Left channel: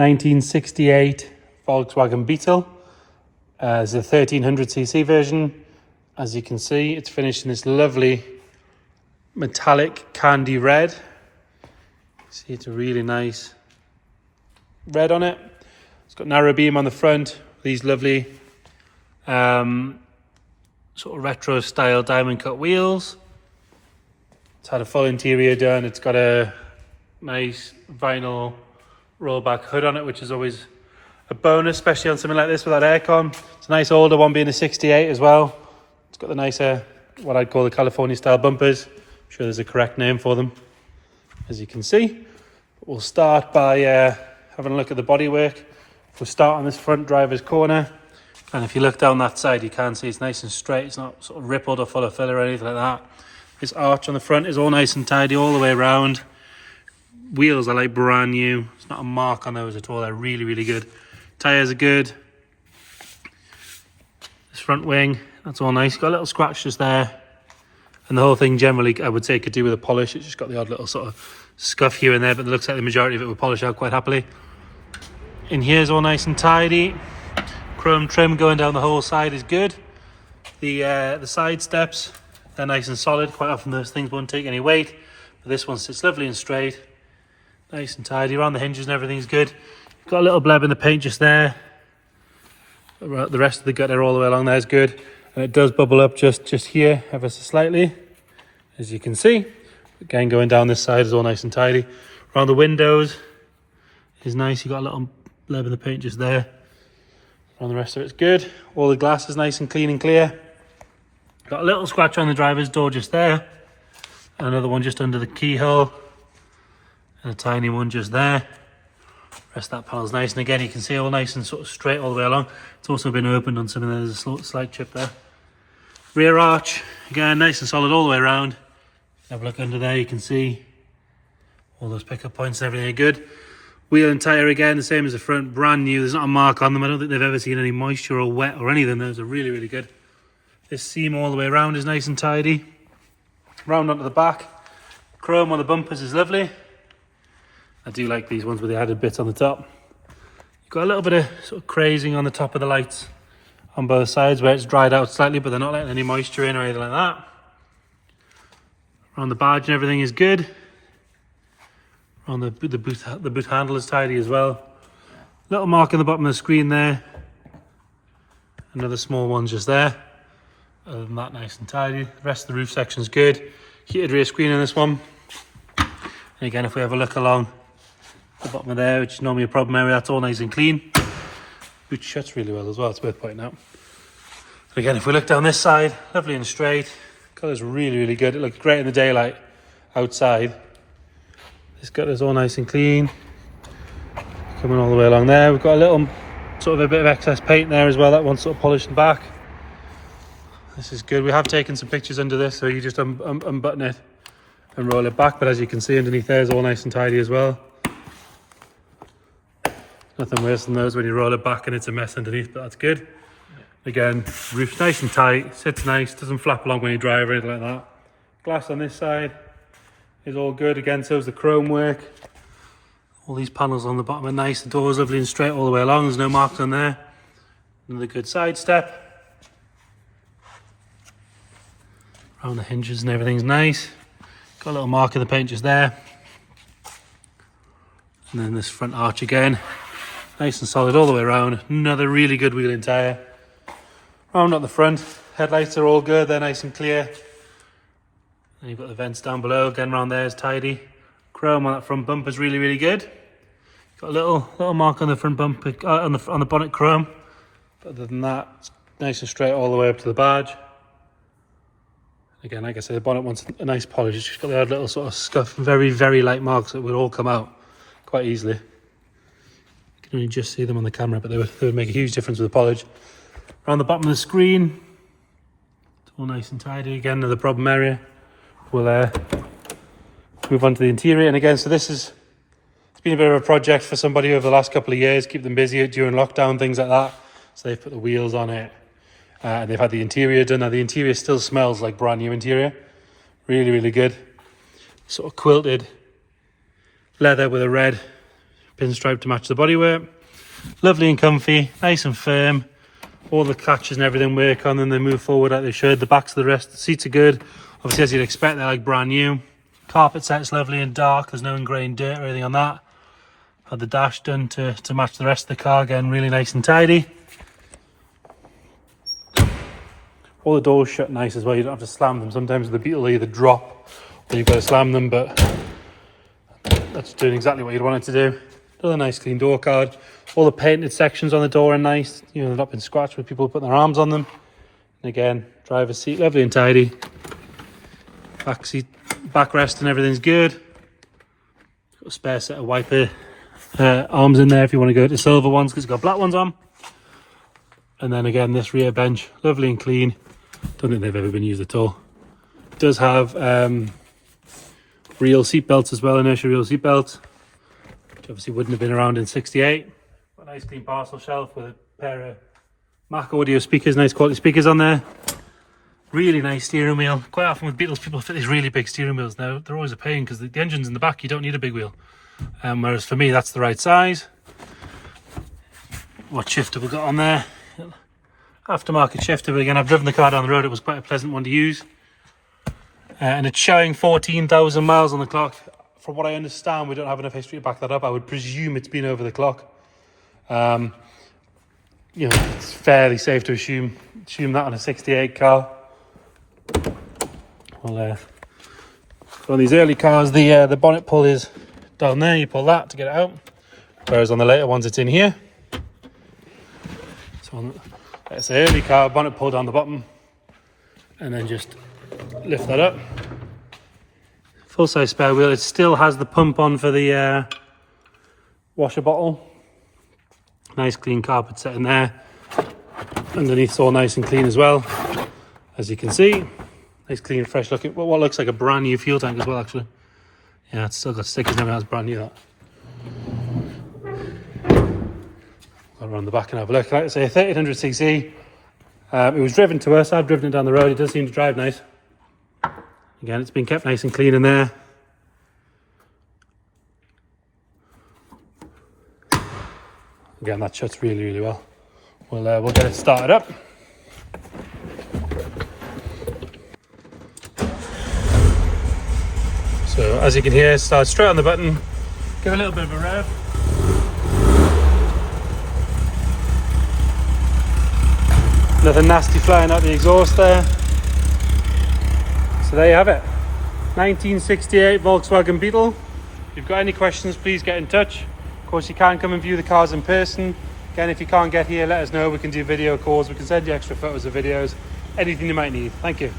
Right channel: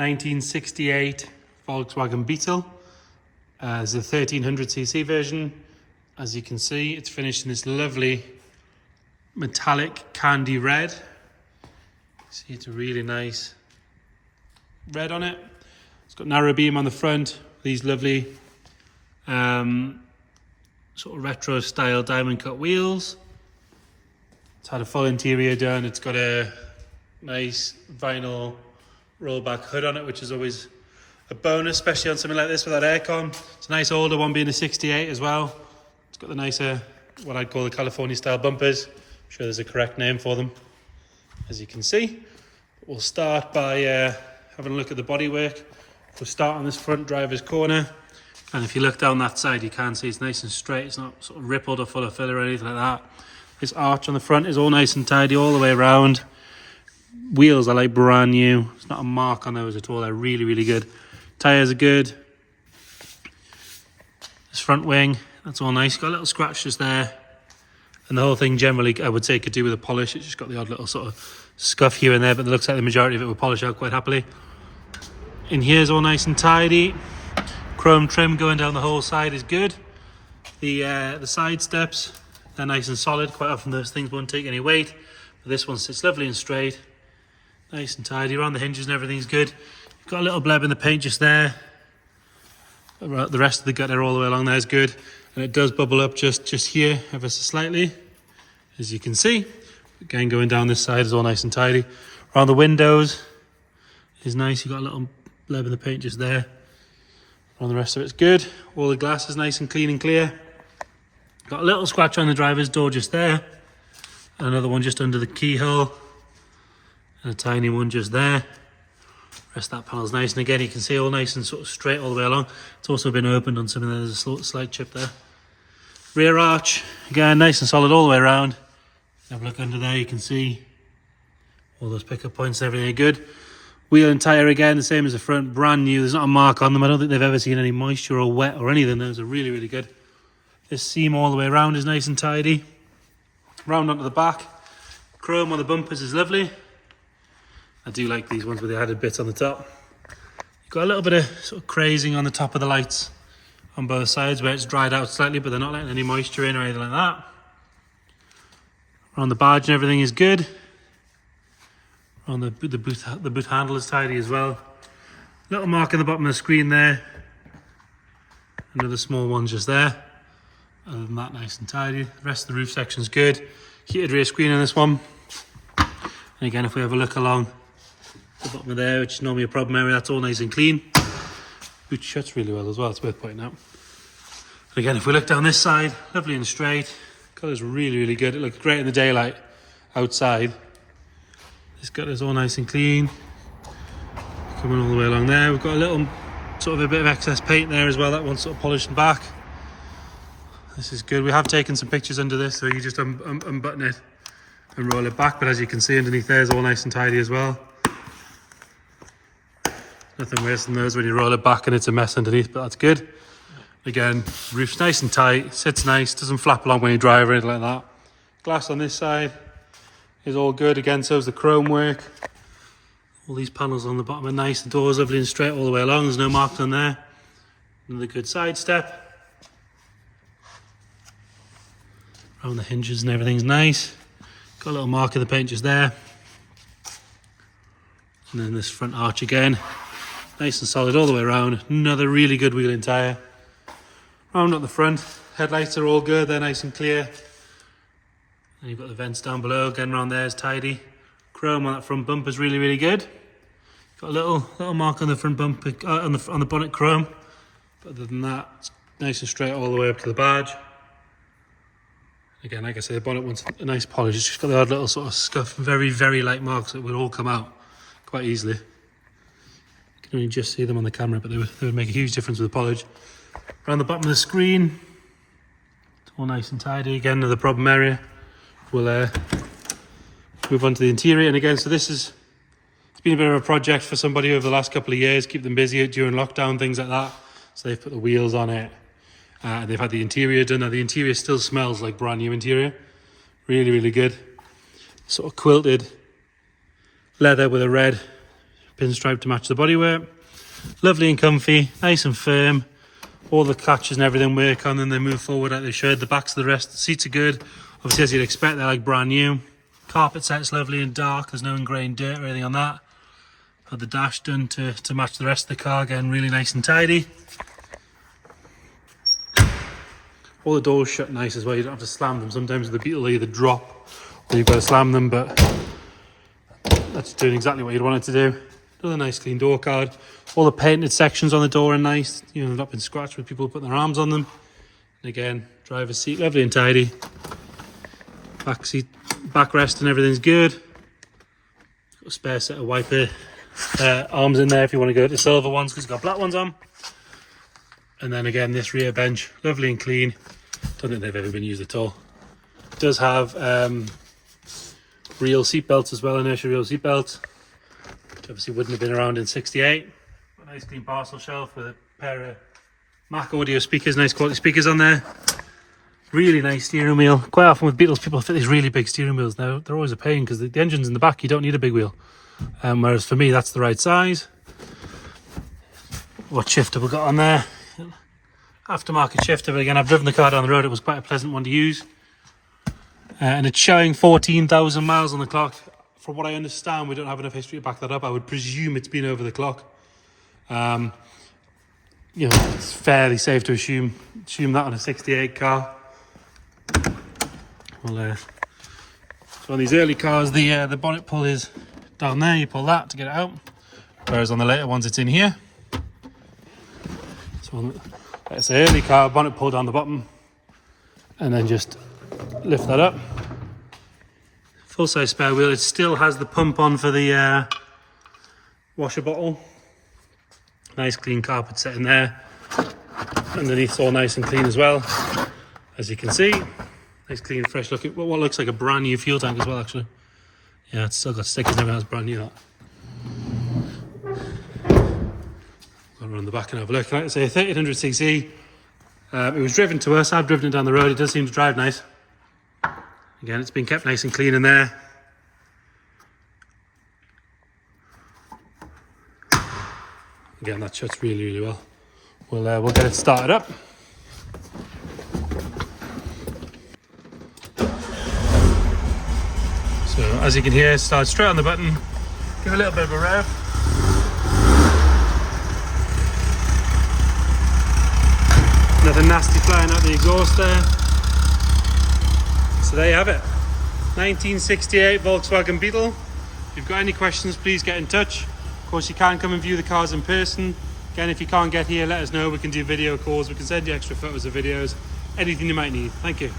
1968 Volkswagen Beetle. It's a 1300cc version. As you can see, it's finished in this lovely metallic candy red. See, it's a really nice red on it. It's got narrow beam on the front, these lovely sort of retro style diamond cut wheels. It's had a full interior done. It's got a nice vinyl rollback hood on it, which is always a bonus, especially on something like this with that aircon. It's a nice older one, being a 68 as well. It's got the nicer, what I'd call the California style bumpers. I'm sure there's a correct name for them, as you can see. We'll start by having a look at the bodywork. We'll start on this front driver's corner, and if you look down that side, you can see it's nice and straight. It's not sort of rippled or full of filler or anything like that. This arch on the front is all nice and tidy all the way around. Wheels are like brand new. There's not a mark on those at all. They're really, really good. Tyres are good. This front wing, that's all nice. Got a little scratch just there. And the whole thing generally, I would say, could do with a polish. It's just got the odd little sort of scuff here and there, but it looks like the majority of it will polish out quite happily. In here is all nice and tidy. Chrome trim going down the whole side is good. The side steps, they're nice and solid. Quite often those things won't take any weight, but this one sits lovely and straight. Nice and tidy. Around the hinges and everything's good. You've got a little bleb in the paint just there. The rest of the gutter all the way along there is good. And it does bubble up just here ever so slightly, as you can see. Again, going down this side is all nice and tidy. Around the windows is nice. You've got a little bleb in the paint just there. Around the rest of it's good. All the glass is nice and clean and clear. Got a little scratch on the driver's door just there. Another one just under the keyhole. And a tiny one just there. Rest of that panel's nice. And again, you can see all nice and sort of straight all the way along. It's also been opened on something. There's a slight chip there. Rear arch, again, nice and solid all the way around. Have a look under there, you can see all those pickup points, everything are good. Wheel and tyre again, the same as the front, brand new. There's not a mark on them. I don't think they've ever seen any moisture or wet or anything. Those are really, really good. This seam all the way around is nice and tidy. Round onto the back. Chrome on the bumpers is lovely. I do like these ones with the added bits on the top. You've got a little bit of sort of crazing on the top of the lights on both sides where it's dried out slightly, but they're not letting any moisture in or anything like that. On the badge and everything is good. On the boot handle is tidy as well. Little mark in the bottom of the screen there. Another small one just there. Other than that, nice and tidy. The rest of the roof section is good. Heated rear screen on this one. And again, if we have a look along the bottom of there, which is normally a problem area, that's all nice and clean. Boot shuts really well as well, it's worth pointing out. And again, if we look down this side, lovely and straight. Colour's really, really good. It looks great in the daylight outside. This gutter's all nice and clean. Coming all the way along there. We've got a little, sort of a bit of excess paint there as well. That one's sort of polished back. This is good. We have taken some pictures under this, so you just unbutton it and roll it back. But as you can see, underneath there is all nice and tidy as well. Nothing worse than those when you roll it back and it's a mess underneath, but that's good. Again, roof's nice and tight, sits nice, doesn't flap along when you drive or anything like that. Glass on this side is all good. Again, so is the chrome work. All these panels on the bottom are nice. The door's lovely and straight all the way along. There's no marks on there. Another good side step. Around the hinges and everything's nice. Got a little mark in the paint just there. And then this front arch again. Nice and solid all the way around. Another really good wheel and tyre. Round at the front, headlights are all good, they're nice and clear. And you've got the vents down below, again round there is tidy. Chrome on that front bumper is really, really good. Got a little mark on the front bumper, on the bonnet chrome. But other than that, it's nice and straight all the way up to the badge. Again, like I say, the bonnet wants a nice polish. It's just got the odd little sort of scuff, very, very light marks that will all come out quite easily. You can only just see them on the camera, but they would make a huge difference with the polish. Around the bottom of the screen, it's all nice and tidy. Again, another problem area. We'll move on to the interior. And again, so it's been a bit of a project for somebody over the last couple of years, keep them busy during lockdown, things like that. So they've put the wheels on it. They've had the interior done. Now the interior still smells like brand new interior. Really, really good. Sort of quilted leather with a red pinstripe to match the bodywork. Lovely and comfy, nice and firm. All the catches and everything work on, and they move forward like they should. The backs of the rest, the seats are good. Obviously, as you'd expect, they're like brand new. Carpet set's lovely and dark. There's no ingrained dirt or anything on that. Had the dash done to match the rest of the car. Again, really nice and tidy. All the doors shut nice as well. You don't have to slam them. Sometimes with the Beetle they either drop or you've got to slam them, but that's doing exactly what you'd want it to do. Another nice clean door card. All the painted sections on the door are nice. You know, they've not been scratched with people putting their arms on them. And again, driver's seat, lovely and tidy. Back seat, backrest and everything's good. Got a spare set of wiper arms in there if you want to go to silver ones, because it's got black ones on. And then again, this rear bench, lovely and clean. Don't think they've ever been used at all. It does have real seat belts as well, inertia real seat belts, which obviously wouldn't have been around in '68. A nice clean parcel shelf with a pair of Mac audio speakers, nice quality speakers on there. Really nice steering wheel. Quite often with Beetles, people fit these really big steering wheels. Now they're always a pain because the engine's in the back. You don't need a big wheel. Whereas for me, that's the right size. What shifter we got on there? Aftermarket shifter, but again, I've driven the car down the road. It was quite a pleasant one to use. And it's showing 14,000 miles on the clock. From what I understand, we don't have enough history to back that up. I would presume it's been over the clock. You know, it's fairly safe to assume that on a '68 car. Well, so on these early cars, the bonnet pull is down there. You pull that to get it out, whereas on the later ones, it's in here. So that's the early car, bonnet pull down the bottom, and then just lift that up. Full size spare wheel. It still has the pump on for the washer bottle. Nice clean carpet set in there. Underneath's all nice and clean as well, as you can see. Nice clean, fresh looking. What looks like a brand new fuel tank as well, actually. Yeah, it's still got stickers and everything. That's brand new. That. Go around the back and have a look. Like I say, 3800cc. It was driven to us. I've driven it down the road. It does seem to drive nice. Again, it's been kept nice and clean in there. Again, that shuts really, really well. We'll get it started up. So as you can hear, start straight on the button. Give a little bit of a rev. Nothing nasty flying out the exhaust there. So there you have it. 1968 Volkswagen Beetle. If you've got any questions, please get in touch. Of course, you can come and view the cars in person. Again, if you can't get here, let us know. We can do video calls. We can send you extra photos or videos. Anything you might need. Thank you.